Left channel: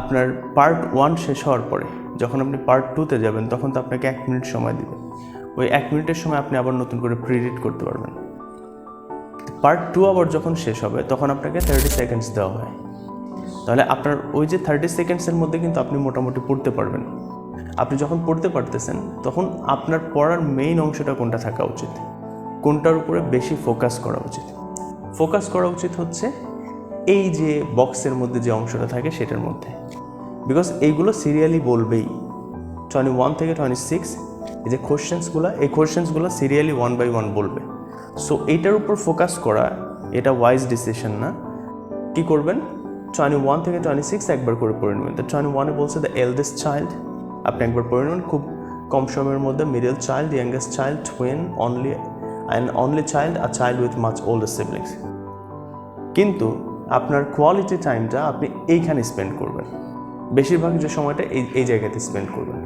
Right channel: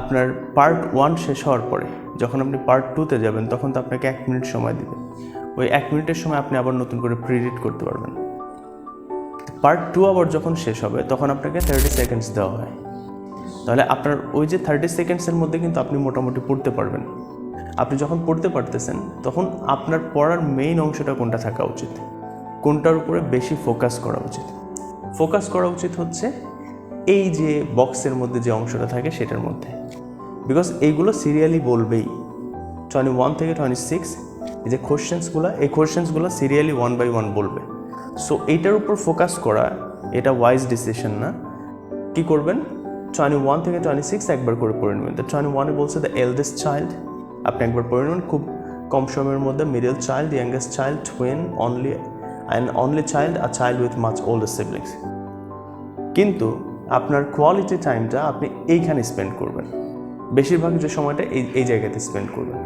আপনার পার্ট 1 শেষ হওয়ার পরে যখন আপনি পার্ট 2-তে যাবেন তখন তো আপনাকে 1 মিনিট সময় দিবে। ওই 1 মিনিটের সময় আপনি আবার নতুন করে প্রিরিড করতে পারবেন। পার্ট 2 আবার যখন শেষ হবে তখন আপনাকে 30 সেকেন্ডস দেওয়া হয়। তাহলে আপনার ওই যে 30 সেকেন্ডসের মধ্যে কিন্তু আপনি মোটামুটি পড়তে পারবেন। আপনি যখন পড়তে পারতেছেন তখন আপনার পড়ার মেইন অংশটা কোনটা থাকা উচিত, কোনটার উপরে বেশি ফোকাস করা উচিত? ফোকাস করা উচিত হচ্ছে এই যে বক্সের মধ্যে যে অংশটা থাকে সেটার মধ্যে, বিকজ এইগুলো সিরিয়ালি বলবেই 21 থেকে 26 এই যে কোশ্চেন্সগুলো সিরিয়ালি 1 বাই 1 বলবে। সো এইটার উপর ফোকাস করা এটা ওয়াইজ ডিসিশন না। কি করবেন, 21 থেকে 26 একবার করে পড়ে নেবেন। তো 21-এ বলছে দ্য এল্ডেস্ট চাইল্ড, আপনি একবার পড়ে নেবেন খুব কম সময়ের মধ্যে। Middle child, youngest child, twin, only child, a child with much older siblings. কিন্তু আপনার কোয়ালিটি টাইমটা আপনি এইখানে স্পেন্ড করবেন, বেশিরভাগ যে সময়টা এই জায়গাতে স্পেন্ড করবেন।